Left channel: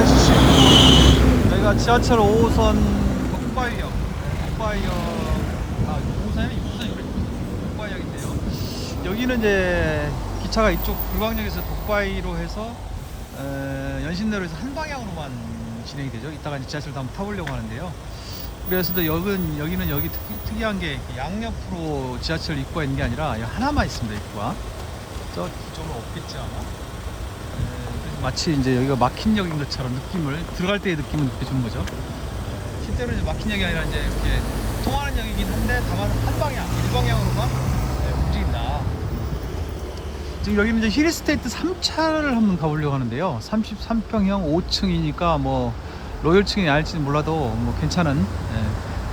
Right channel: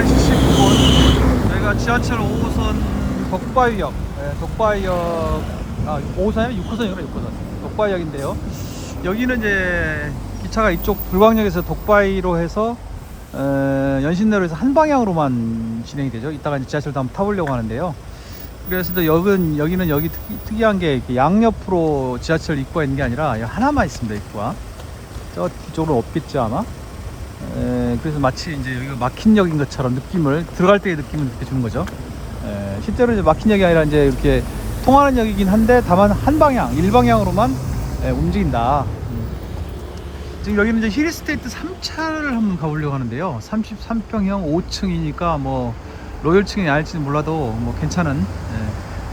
11시 10분 저희가 지하철 5호선 덕바이역, 덕바이역, 5호선이 아니라 6호선이구나. 6호선 덕바이역인데요. 여기는 이제 기차가 이쪽 불광역에서 덕바이로 해서 연신내로 해서 한 방향으로만 진행이 되죠. 이따가 이제 지하철도 한번 타보려고 하는데요. 그래서 또 여기는 여기 특이한 게 양옆으로 지하철 입구가 있는 게 아니라 하나만 있습니다. 입구가 저 뒤쪽으로 없겠지 아마. 그래서 마치 이제 여기가 막힌 역인 것처럼 느낌을, 들어갈 때의 느낌을 그렇게 주는 거죠. 실제로 이제 막힌 역이 아니라 이제 이렇게 통하는 역이긴 한데 다만 한 방향, 일방향으로만 움직인다. 지금 여기는 이제 힐스테이트 3차를 한번 가보려고 하는데요. 33평형 5층이니까 뭐 로열층이 아닐지는 몰라도 뭐 괜찮은,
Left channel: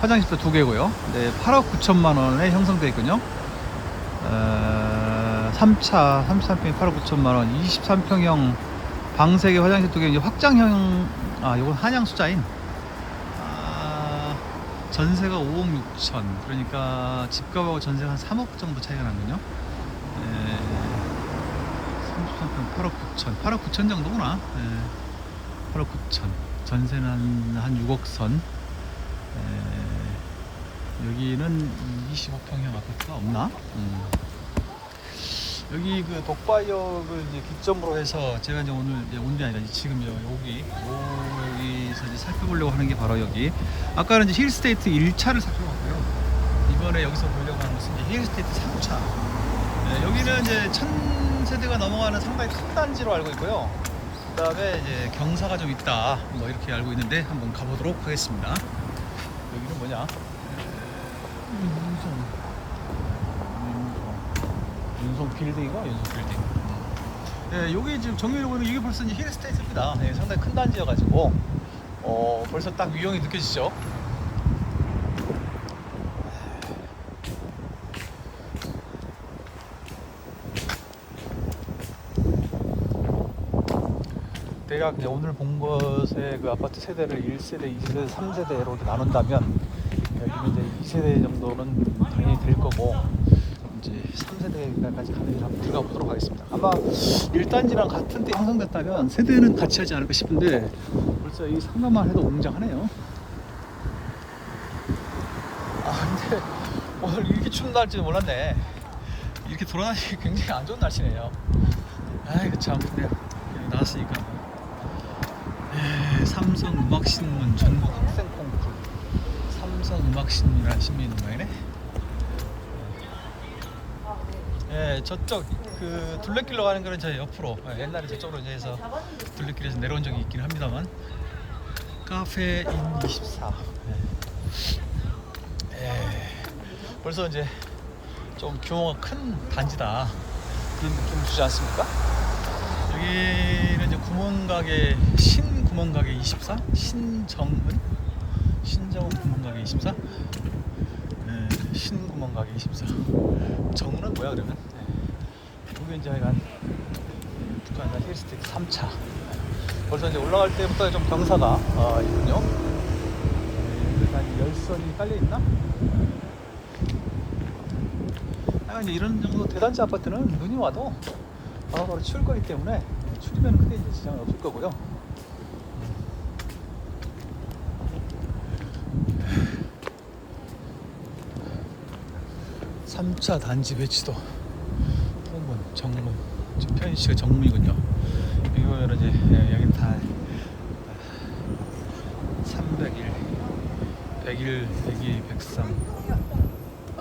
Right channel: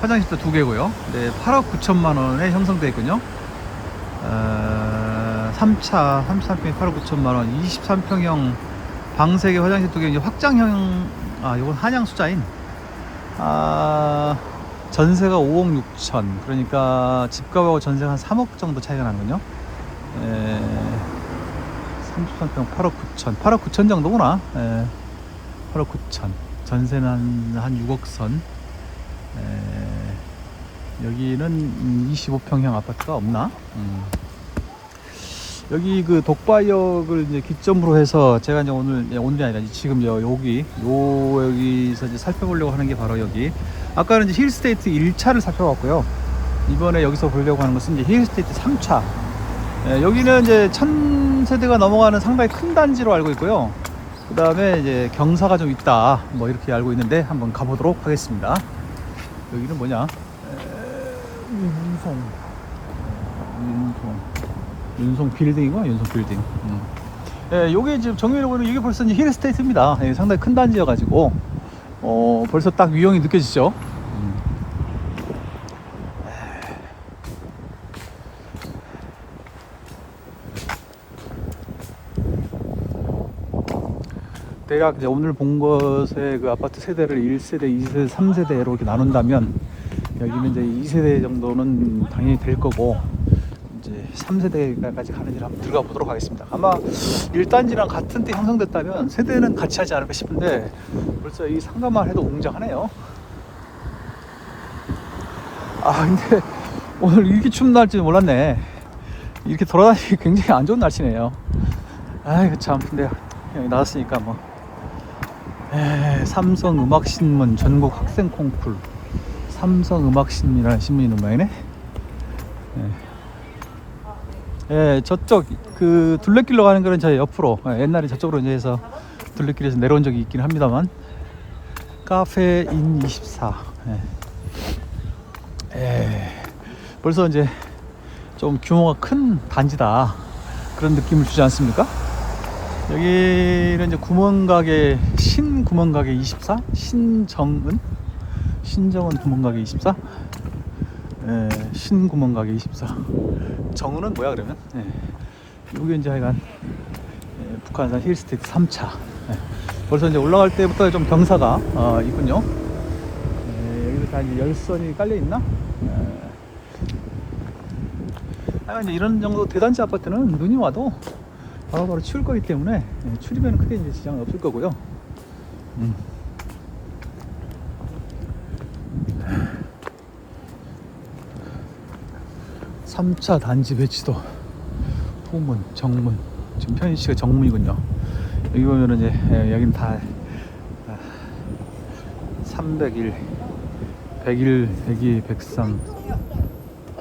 화장실도 2개고요. 네, 8억 9천만 원에 형성되어 있군요. 3차 33평에 8억 9천만 원, 23평형 방 3개, 화장실 2개, 이제 확장형, 요건 한양 수자인. 전세가 5억 6천, 그러니까 집값하고 전세가 한 3억 정도 차이가 나는군요. 33평 8억 9천, 8억 9천 정도구나. 8억 9천, 전세는 한 6억 선. 여기는 25평형 아파트가 없나? 여기 그 독바이역을 이제 기점으로 해서 제가 이제 오늘이 아니라 지금 여기서 이제 살펴보려고 하는 게 바로 여기. 아까는 이제 힐스테이트 1차를 살펴봤고요. 이번에 여기서 보려고 하는 것은 이제 힐스테이트 3차. 여기는 이제 1000세대가 넘어가는 상당히 큰 단지로 알고 있고요. 그 다음에 이제 경사가 좀 있다, 뭐 이렇게 알고 있는데 한번 가보도록 하겠습니다. 여기는 뭐냐? 윤송 빌딩이고, 윤송 빌딩. 요게 지금 정면으로 보면 이게 벌써 이제 힐스테이트입니다. 상당히 큰 단지여가지고 벌써 딱 유형이 느껴지죠. 대략 오늘 본 것의 그 아파트 세대를 1세대, 2세대, 3세대로 이렇게 나눈다면 여기는 이제 2세대 정도는 당연히 될 거고, 이제 3세대까지 가는 길 한번 들어가 보도록 하겠습니다. 아마 1단지랑 같은 때 형성됐다면 세대는 같이 하지 않을까 싶은데 벌써 이 상가만 해도 웅장하네요. 근데 오늘 이렇게 추운 날지 몰랐네. 이렇게 돌아다니기 굉장히 안 좋은 날씨네요. 아이고 참. 근데 여기 나왔으니까 뭐. 삼성음악신문 전국 학생 콩쿨. 삼성음악신문이라는 신문이 있는 모양이네. 저쪽 그 둘레길로 가는 거는 저 옆으로, 옛날에 저쪽으로 이제 해서 둘레길에서 내려온 적이 있긴 합니다만. 카페인 24. 벌써 이제 좀 규모가 큰 단지다, 그런 느낌 주지 않습니까? 여기는 이제 구멍가게, 신구멍가게 24? 신정은 구멍가게 24? 신구멍가게 24. 정은은 뭐야 그러면? 이게 이제 하여간 북한산 힐스테이트 3차. 벌써 이제 올라갈 때부터 좀 경사가 있군요. 여기까지 열선이 깔려있나? 이제 이런 정도 대단지 아파트는 눈이 와도 바로바로 치울 거기 때문에 추리면 크게 이제 지장은 없을 거고요. 3차 단지 배치도 호문, 정문, 지금 편의시가 정문이군요. 여기 보면은 이제 여긴 다 301, 101, 102, 103,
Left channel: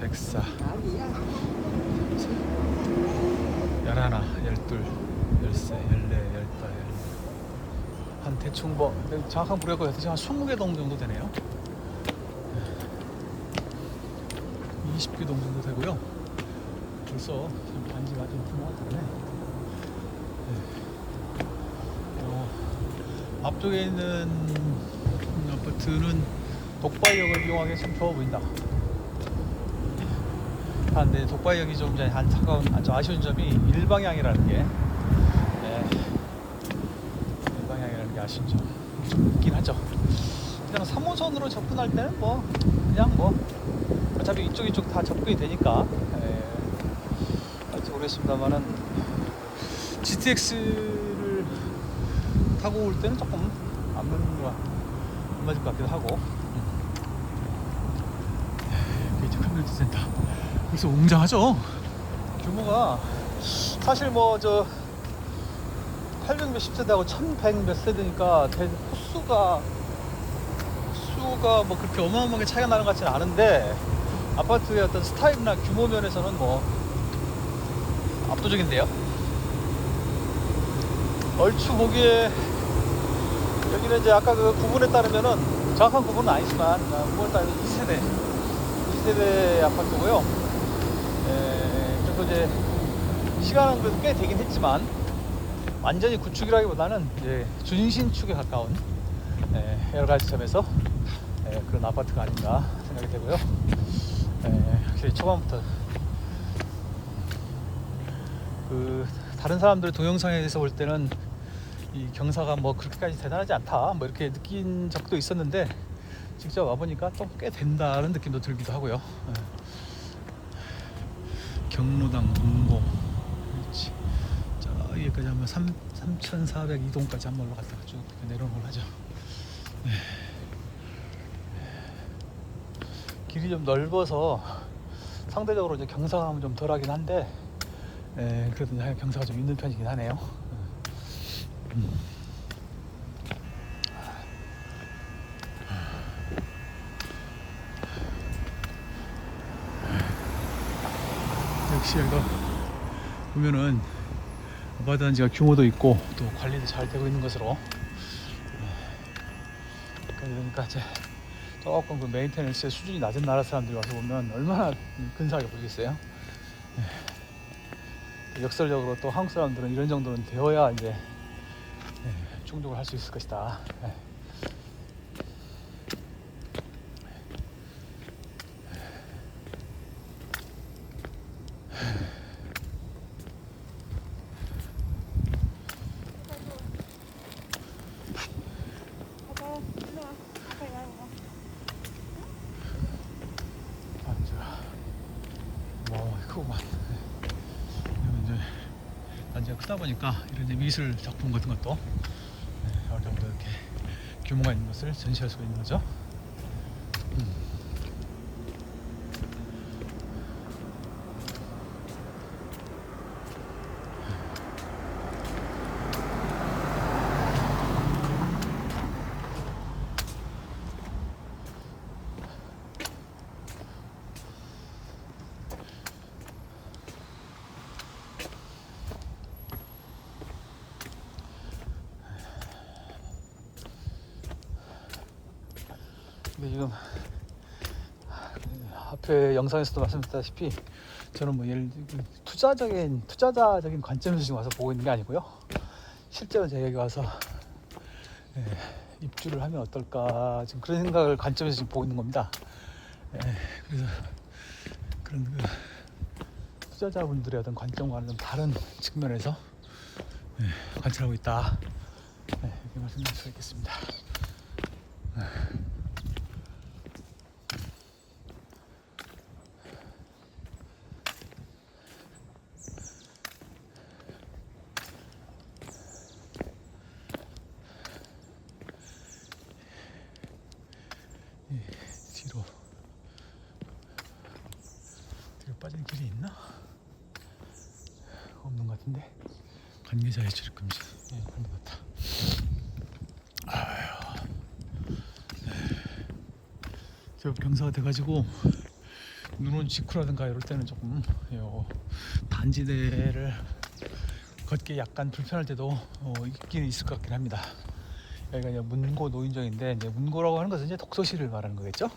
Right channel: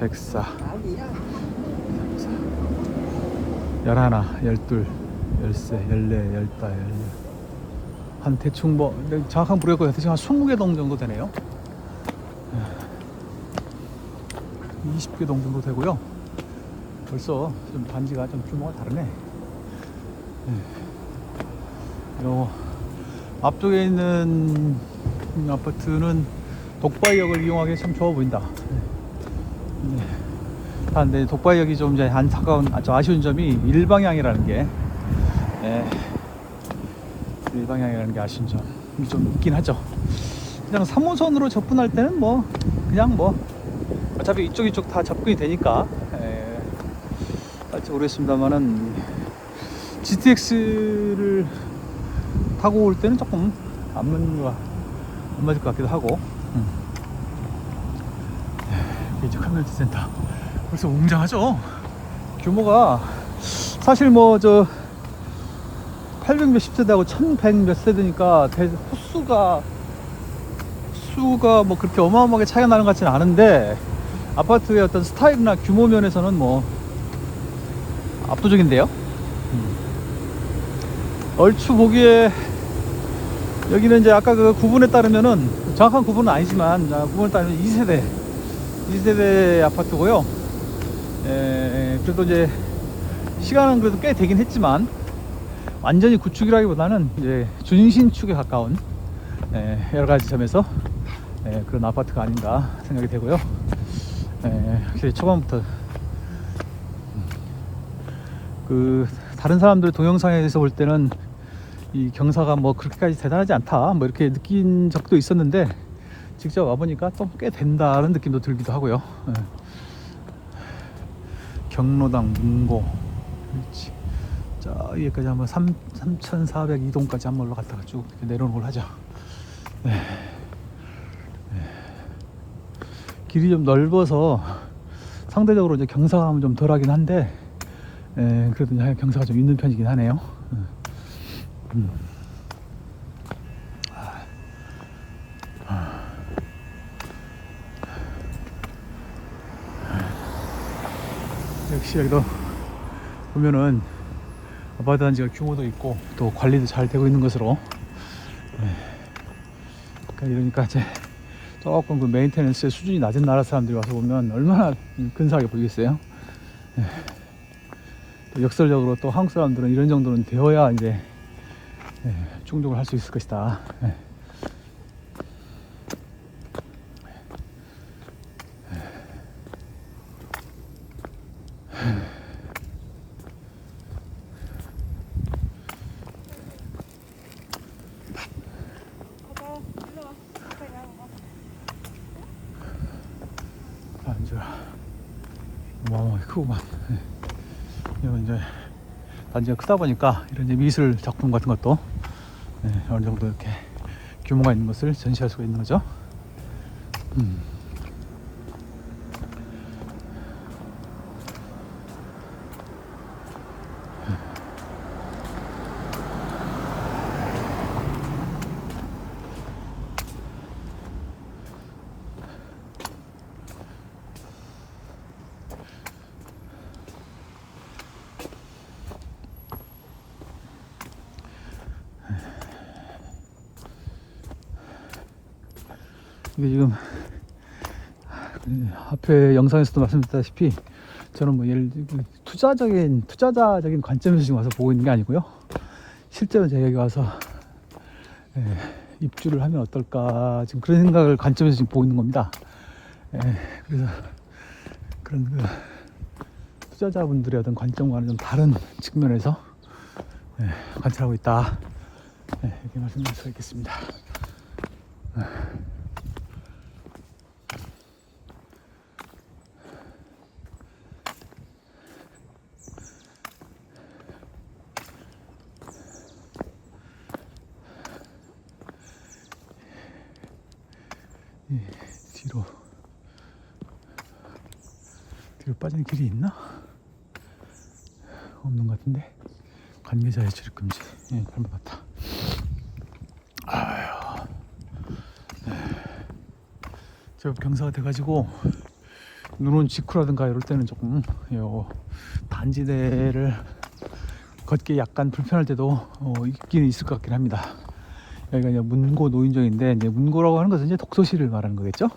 104, 11, 12, 13, 14, 15, 한 대충 뭐 정확한 모르겠고 대충 한 20개 동 정도 되네요. 20개 동 정도 되고요. 벌써 좀 단지가 좀 규모가 다르네. 앞쪽에 있는 아파트는 독바이역을 이용하기 참 좋아 보인다. 근데 독바이역이 좀 이제 안타까운, 좀 아쉬운 점이 일방향이라는 게, 일방향이라는 게 아쉬운 점 좀 있긴 하죠. 그냥 3호선으로 접근할 때는 뭐 그냥 뭐 어차피 이쪽 다 접근이 되니까 할지 모르겠습니다만은 GTX를 타고 올 때는 조금 안 맞을 것 같기도 하고. 이제 커뮤니티 센터 벌써 웅장하죠. 규모가 사실 뭐 저 800 몇십 세대하고 1100 몇 세대니까 수가 뭐 그렇게 어마어마하게 차이가 나는 것 같지는 않은데, 아파트의 어떤 스타일이나 규모 면에서는 뭐 압도적인데요. 얼추 보기에 여기는 이제 아까 그 구분에 따르면은, 정확한 구분은 아니지만 구분에 따르면 2세대 아파트고요. 그래도 이제 시간은 그래도 꽤 되긴 했지만 완전히 구축이라기보다는 이제 준신축에 가까운 여러 가지 점에서 그런 아파트가 아닌가 생각이 되고요. 초반부터 그 다른 사람들 동영상에서 볼 때는 이 경사가 뭐 그렇게까지 대단하지 않다 뭐 이렇게 느낀 적도 있었는데, 직접 와보니까 좀 꽤 된다는 느낌도 들기도 하고요. 경로당 문고, 그렇지. 자, 여기까지 한번 3402동까지 한번 올라갔다가 쭉 내려오는 걸 하자. 길이 좀 넓어서 상대적으로 이제 경사감은 좀 덜하긴 한데, 그래도 경사가 좀 있는 편이긴 하네요. 역시 여기도 보면은 아파트 단지가 규모도 있고 또 관리도 잘 되고 있는 것으로, 그러니까 이제 조금 그 메인테넌스의 수준이 낮은 나라 사람들이 와서 보면 얼마나 근사하게 보이겠어요. 역설적으로 또 한국 사람들은 이런 정도는 되어야 이제 충족을 할 수 있을 것이다. 크구만. 이건 이제 단지가 크다 보니까 이런 이제 미술 작품 같은 것도 어느 정도 이렇게 규모가 있는 것을 전시할 수가 있는 거죠. 이게 지금 앞에 영상에서도 말씀드렸다시피 저는 뭐 예를 들면 투자자적인 관점에서 지금 와서 보고 있는 게 아니고요. 실제로 제가 여기 와서 입주를 하면 어떨까 지금 그런 생각을 관점에서 지금 보고 있는 겁니다. 그래서 그런 그 투자자분들의 어떤 관점과는 좀 다른 측면에서 관찰하고 있다. 이렇게 말씀드릴 수 있겠습니다. 뒤로 빠지는 길이 있나? 없는 것 같은데. 관계자의 출입 금지. 그런 것 같다. 아휴. 저 경사가 돼가지고 눈은 직후라든가 이럴 때는 조금 단지대를 걷기 약간 불편할 때도 있긴 있을 것 같긴 합니다. 여기가 이제 문고 노인정인데, 이제 문고라고 하는 것은 이제 독서실을 말하는 거겠죠?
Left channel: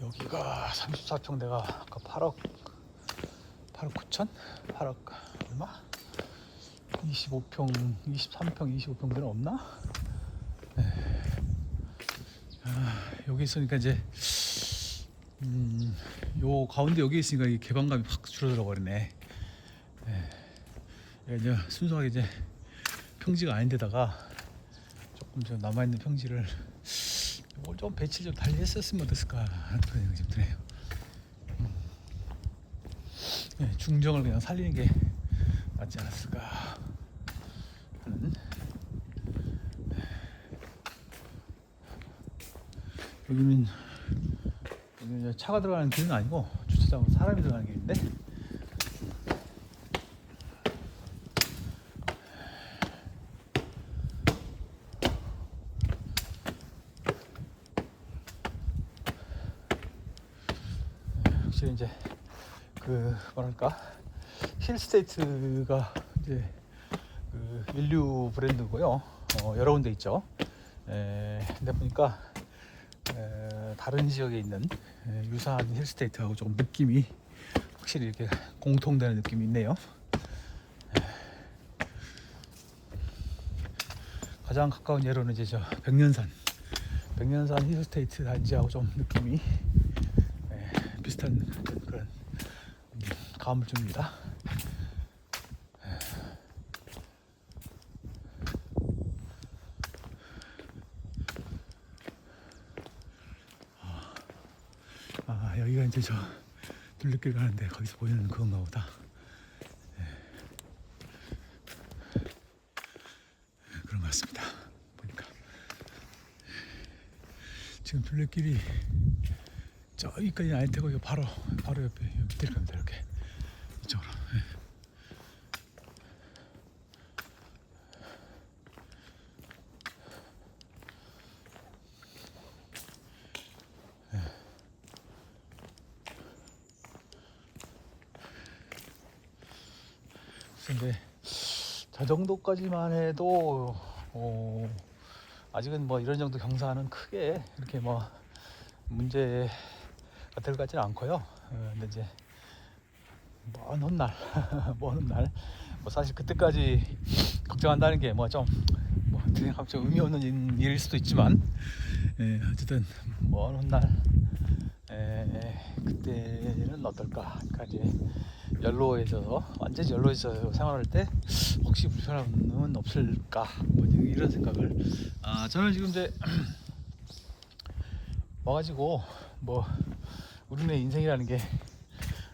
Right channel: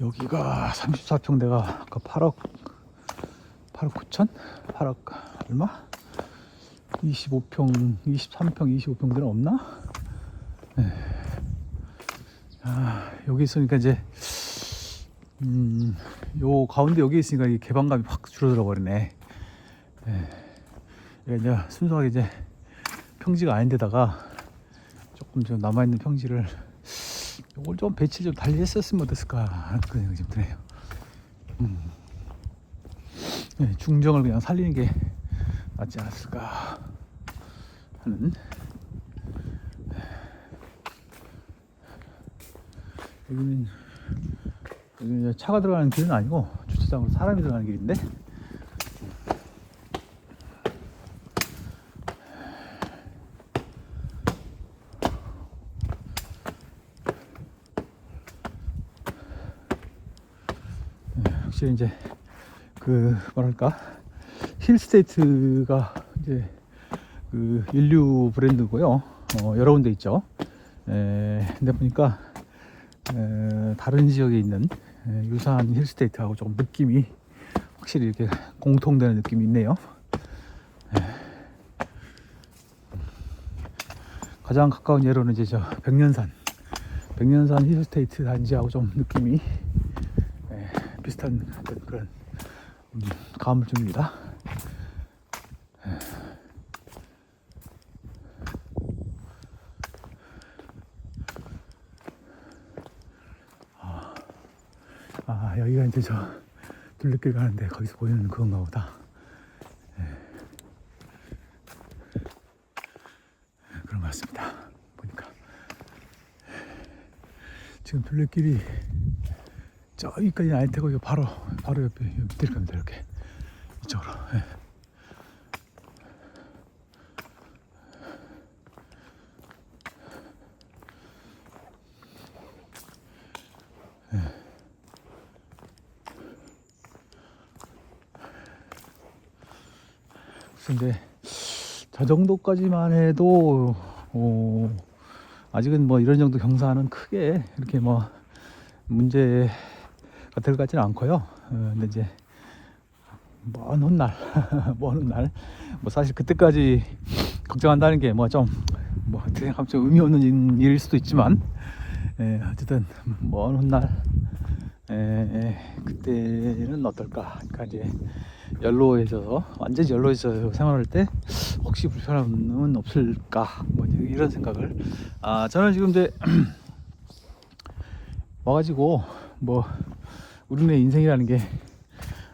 여기가 34평대가 아까 8억 9천? 8억 얼마? 23평 25평대는 없나? 여기 있으니까 이제 요 가운데 여기 있으니까 이 개방감이 확 줄어들어 버리네. 이제 순수하게 이제 평지가 아닌데다가 조금 좀 남아있는 평지를 이걸 좀 배치 좀 달리 했었으면 어땠을까 하는 그런 생각이 좀 드네요. 중정을 그냥 살리는 게 낫지 않았을까 하는. 여기는 차가 들어가는 길은 아니고 주차장으로 사람이 들어가는 길인데, 확실히 이제 그 뭐랄까 힐스테이트가 이제 그 인류 브랜드고요. 여러 군데 있죠. 근데 보니까 다른 지역에 있는 유사한 힐스테이트하고 조금 느낌이 확실히 이렇게 공통되는 느낌이 있네요. 가장 가까운 예로는 이제 저 백년산 힐스테이트 단지하고 좀 느낌이 비슷한 그런 감을 줍니다. 여기가 이제 저 둘레길 가는데 거기서 보이는 그건가 보다. 그런 것 같습니다. 보니까 지금 둘레길이 저기까지는 아닐 테고 바로 옆에 밑에 갑니다. 이렇게 이쪽으로. 근데 저 정도까지만 해도 아직은 뭐 이런 정도 경사는 크게 이렇게 뭐 문제가 될 것 같지는 않고요. 근데 이제 먼 훗날 뭐 사실 그때까지 걱정한다는 게 뭐 좀 뭐 어떻게 생각하면 좀 의미 없는 일일 수도 있지만, 어쨌든 먼 훗날 그때는 어떨까. 그러니까 이제 연로해져서 완전히 연로해져서 생활할 때 혹시 불편함은 없을까, 뭐 이런 생각을. 저는 지금 이제 와가지고 뭐 우리네 인생이라는 게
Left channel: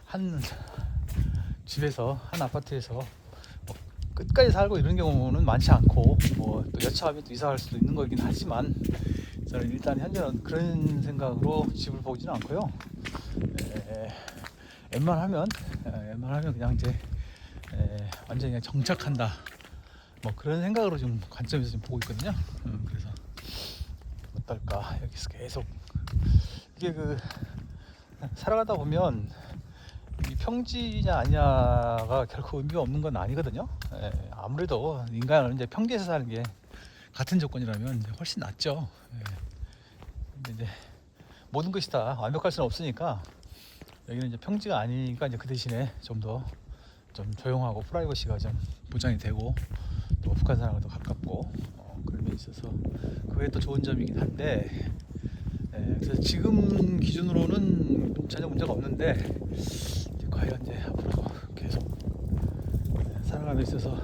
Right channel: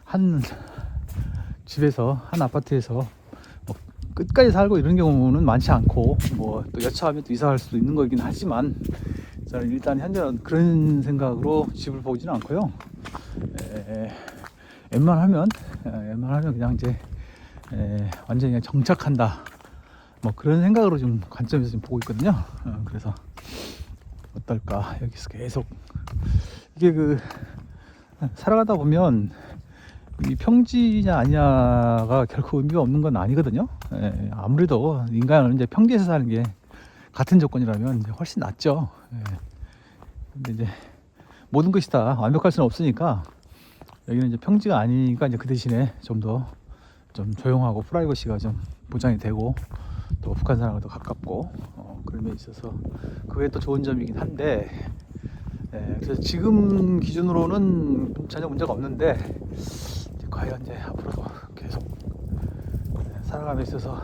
한 집에서 한 아파트에서 뭐 끝까지 살고 이런 경우는 많지 않고, 뭐 또 여차하면 또 이사할 수도 있는 거긴 하지만, 저는 일단 현재는 그런 생각으로 집을 보지는 않고요. 웬만하면 그냥 이제 완전히 그냥 정착한다, 뭐 그런 생각으로 좀 관점에서 좀 보고 있거든요. 그래서 어떨까. 여기서 계속 이게 그 살아가다 보면 이 평지냐 아니냐가 결코 의미가 없는 건 아니거든요. 아무래도 인간은 이제 평지에서 사는 게 같은 조건이라면 이제 훨씬 낫죠. 근데 이제 모든 것이 다 완벽할 수는 없으니까 여기는 이제 평지가 아니니까 이제 그 대신에 좀 더 좀 조용하고 프라이버시가 좀 보장이 되고, 또 북한 사람과 더 가깝고, 그런 게 있어서 그게 또 좋은 점이긴 한데, 그래서 지금 기준으로는 전혀 문제가 없는데, 과연 이제 앞으로 계속 살아감에 있어서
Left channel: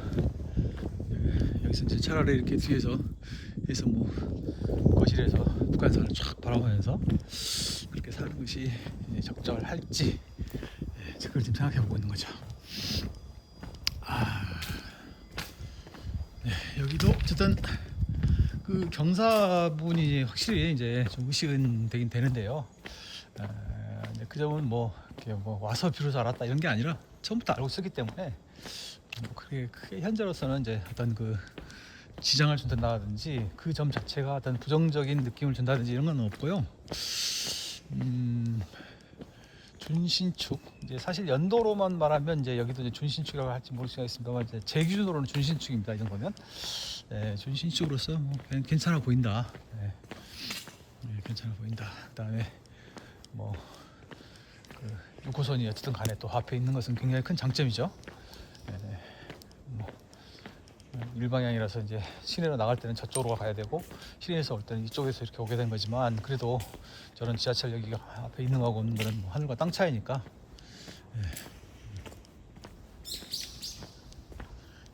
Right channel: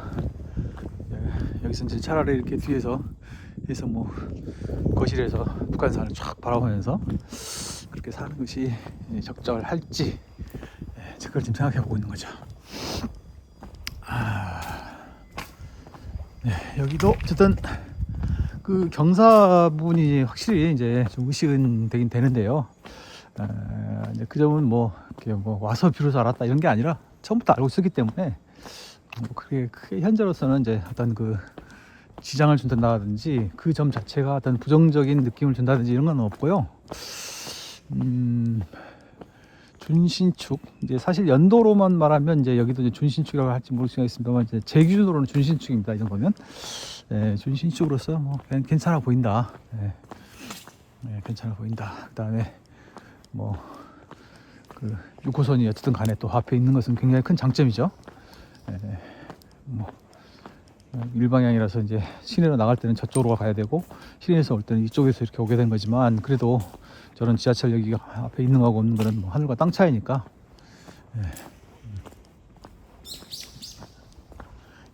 여기서 이제 차라리 이렇게 뒤에서 해서 뭐 거실에서 북한산을 쫙 바라보면서 그렇게 사는 것이 적절할지, 그걸 지금 생각해 보고 있는 거죠. 여기도 어쨌든 그 경사 부분이 확실히 이제 좀 의식은 되긴 되는데요. 이제 그 점은 뭐 와서 비로소 알았다 이런 게 아니라 처음부터 알고 있었기 때문에 뭐 크게 현재로서는 이제 어떤 그 지장을 준다든지 그 점 자체가 어떤 부정적인 느낌을 준다든지 이런 건 없고요. 준신축, 이제 사실 연도로만 말하면 이제 여기도 이제 준신축이라고 할지 모르겠습니다만, 이제 제 기준으로는 준신축입니다. 이 정도면 준신축으로서 뭐 괜찮아 보인다. 괜찮아 보인다. 그다음에 뭐 그 6호선이 어쨌든 간에 또 앞에 있는 것은 굉장히 큰 장점이죠. 뭐 일방향이라서 이제 시내로 나갈 때는 저쪽으로 가야 되고, 시내에서 올 때는 이쪽에서 이렇게 오게 된 거지만, 그래도 저런 지하철 여기가 앞에 있는 거하고 없는 거는 뭐 하늘과 땅 차이니까.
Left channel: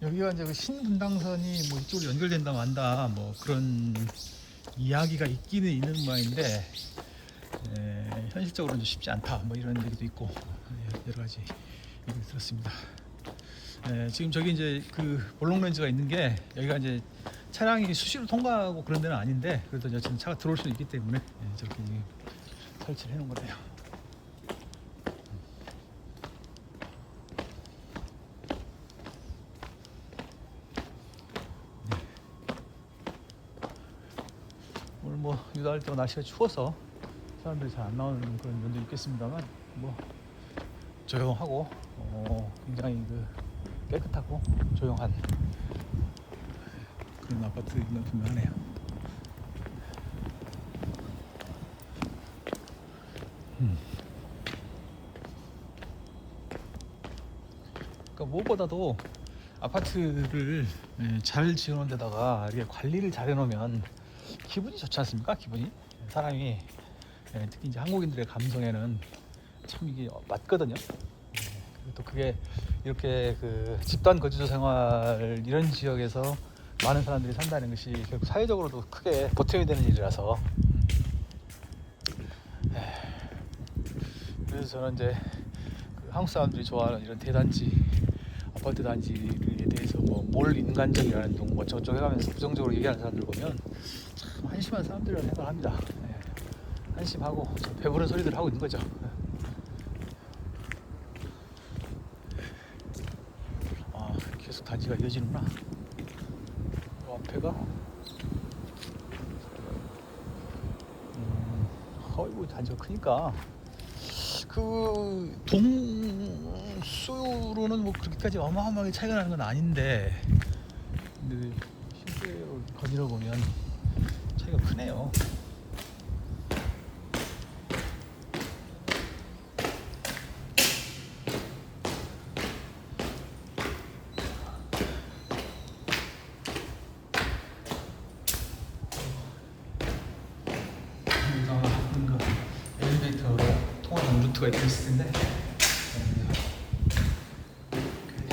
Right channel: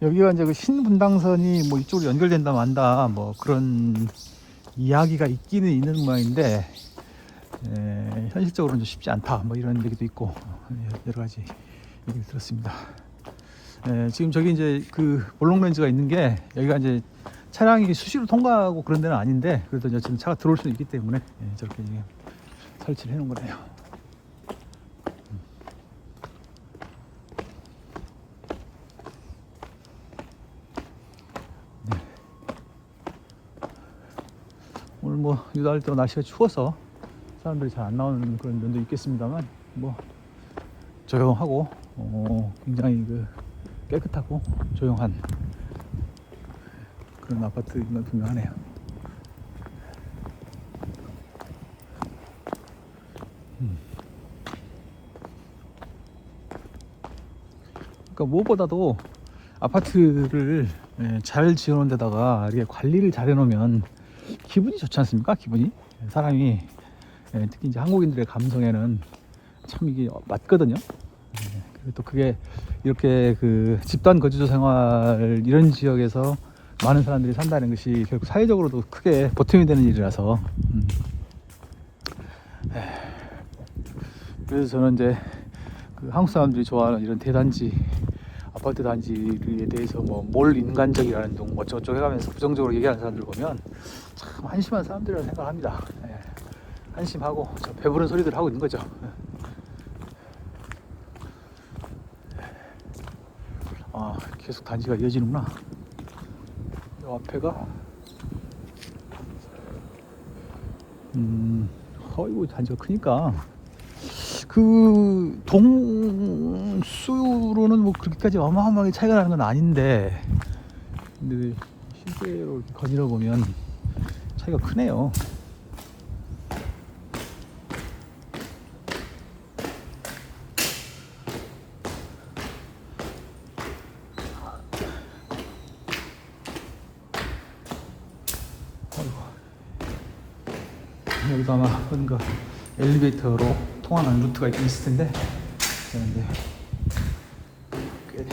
여기가 이제 그 신분당선이 뭐 이쪽으로 연결된다 만다 뭐 그런 이야기가 있기는 있는 모양인데, 현실적으로는 쉽지 않다 뭐 이런 얘기도 있고 여러 가지 얘기 들었습니다. 지금 저기 이제 그 볼록 렌즈가 있는 게 여기가 이제 차량이 수시로 통과하고 그런 데는 아닌데 그래도 이제 지금 차가 들어올 수 있기 때문에 저렇게 설치를 해놓은 거네요. 오늘 뭐 유달할 때 날씨가 추워서 사람들이 잘 안 나오는 그런 면도 있겠습니다만 뭐 조용하고 굉장히 그 깨끗하고 조용한 그런 아파트인 건 분명하네요. 그러니까 무엇보다도 아파트를 잘 지어놓은 데다가 이렇게 관리를 잘 해놓으면 기분이 좋지 않습니까? 기분이 사람이 특히 이제 한국인들의 감성에는 참 이게 맞거든요. 또 그게 이렇게 그 집단 거주자 생활 이런 지역에서 많은 사람들이 산다는 것이 결국 사회적으로도 크게 보탬이 되는 일이라서 그래서 저는 이제 그 한국 사람들이 좋아하는 이런 대단지 아파트 단지에 대해서 뭘 인간적이라는 둥 저쪽 해가면서 부정적으로 얘기하는 사람들 보면 참 한심한 사람들이라고 생각합니다. 한심하고 배부른 소리들 하고 있는 거죠. 계속 단지가 이어지는구나. 앞에가 어이구 단지가 크니까 그 동수로는 뭐 그렇게까지 어마어마하게 차이가 나는 건 아닌데 근데 실제로 거리를 보면 차이가 크네요. 여기가 아마 뭔가 엘리베이터로 통하는 루트가 있을 텐데 꽤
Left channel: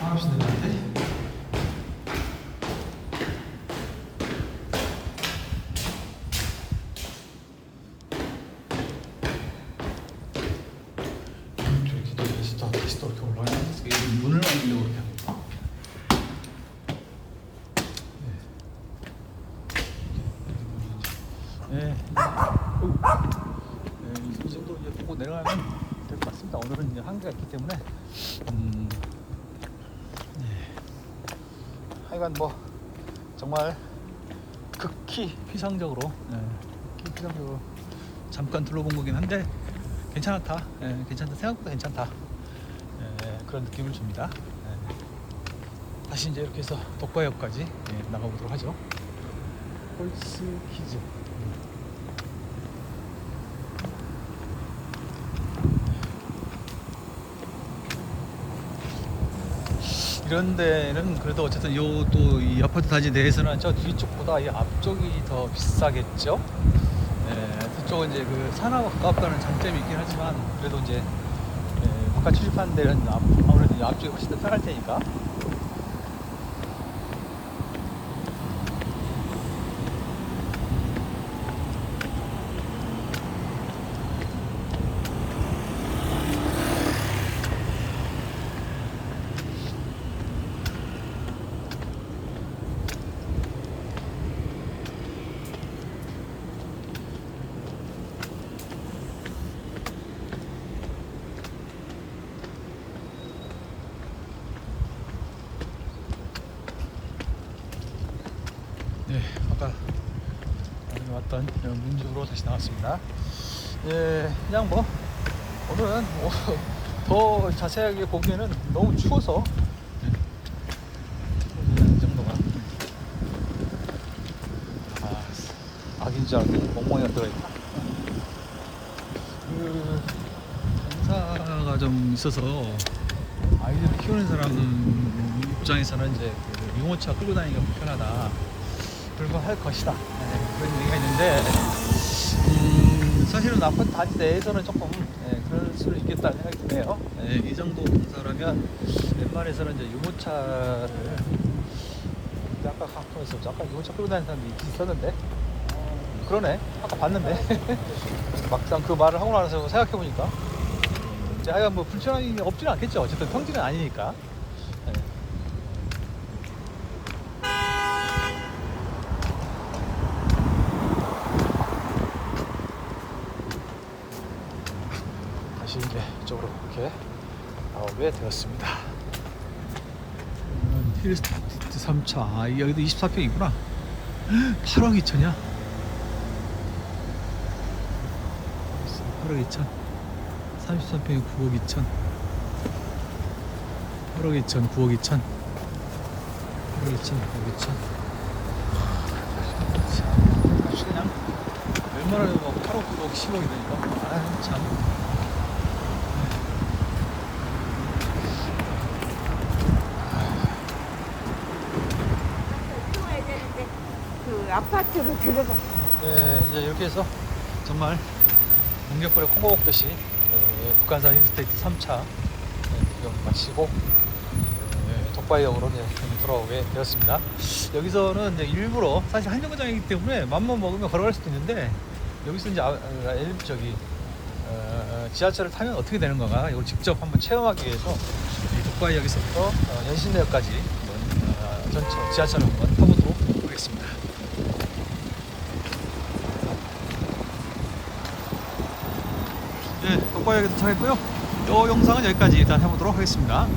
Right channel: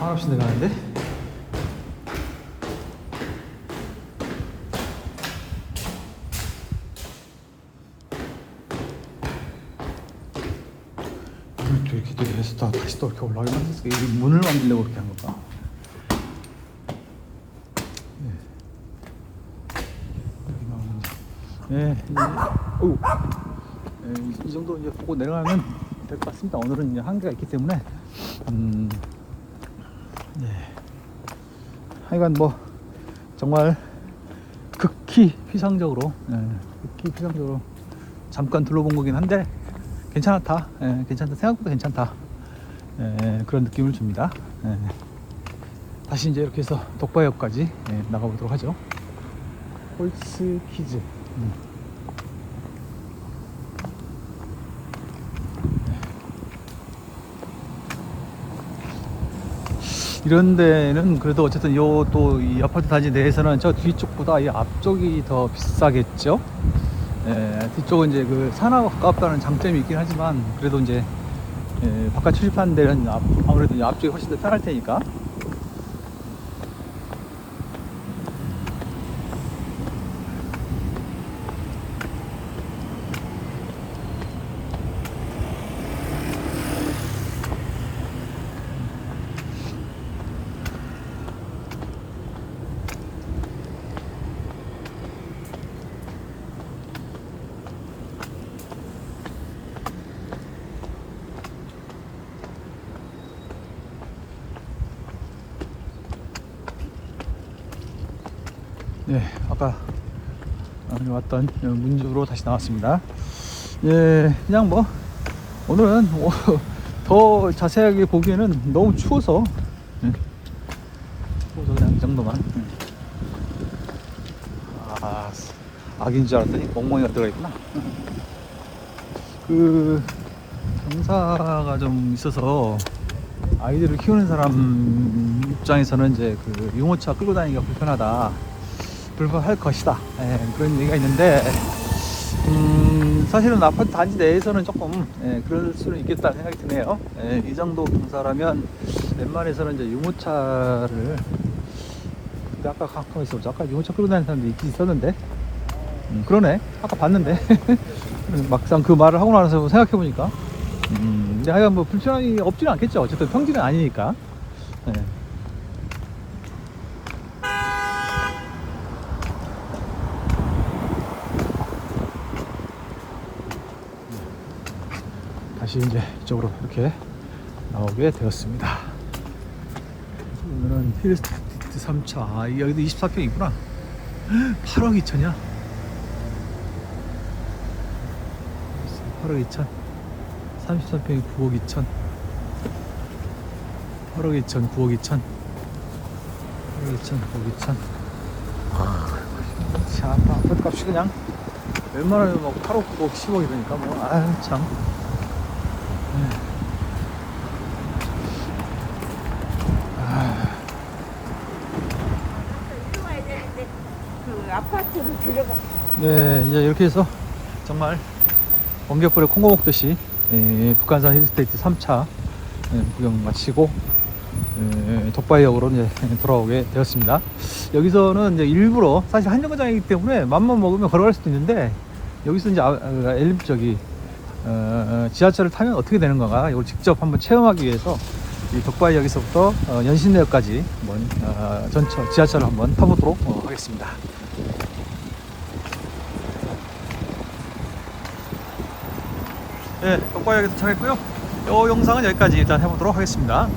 한없이 내려가는데 다시 또 이렇게 올라가는 문을 만들려고 그렇게 한 건가? 이 정도 이제 보고 내려가면 될 것 같습니다. 오늘은 이제 한계가 있기 때문에 하여간 뭐 정말 극히 피상적으로 잠깐 둘러본 거긴 한데 괜찮다. 괜찮다. 생각보다 괜찮다. 그런 느낌을 줍니다. 다시 이제 이렇게 해서 덕바역까지 나가보도록 하죠. 홀스 키즈. 이런 데는 그래도 어쨌든 요 또 이 아파트 단지 내에서는 저 뒤쪽보다 이 앞쪽이 더 비싸겠죠. 그쪽은 이제 그 산하고 가깝다는 장점이 있긴 하지만 그래도 이제 바깥 취직하는 데는 아무래도 이 앞쪽이 훨씬 더 편할 테니까. 아까 왔던 문주로 다시 나왔습니다. 그냥 뭐 오늘은 더 자세하게 보기에는 너무 추워서 그냥 이 정도만. 악인 줄 알았더니 멍멍이가 들어있구나. 그 공사가 좀 있어서 아이들을 키우는 사람 입장에서는 이제 그 유모차 끌고 다니기가 불편하다. 불편할 것이다. 그런 얘기가 있는데 사실은 아파트 단지 내에서는 조금 그럴 수는 있겠다는 생각이 드네요. 이 정도 경사라면 웬만해서는 이제 유모차를 아까 가끔에서 아까 유모차 끌고 다니는 사람도 있었는데 그러네 아까 봤는데 막상 그 말을 하고 나서 생각해보니까 이제 하여간 뭐 불편함이 없지는 않겠죠. 어쨌든 평지는 아니니까. 다시 이제 이쪽으로 이렇게 오게 되었습니다. 이거는 힐스테이트 3차. 여기도 24평이구나. 8억 2천이야. 8억 2천. 33평이 9억 2천. 8억 2천, 9억 2천. 8억 2천, 9억 2천. 자, 아파트 값이 그냥 웬만하면 뭐 8억, 9억, 10억 이러니까 뭐, 참. 그 아파트로 들어가. 네, 이제 이렇게 해서 정말 번개불에 콩고 먹듯이 북한산 힐스테이트 3차 구경 마치고 독바이역으로 이제 돌아오게 되었습니다. 여기서는 이제 일부러 사실 한 정거장이기 때문에 맘만 먹으면 걸어갈 수도 있는데 여기서 이제 저기 지하철을 타면 어떻게 되는 건가 이걸 직접 한번 체험하기 위해서 이 독바이역에서부터 연신내역까지 한번 전철 지하철을 한번 타보도록 하겠습니다. 네, 독바이역에 도착했고요. 이 영상은 여기까지 일단 해보도록 하겠습니다.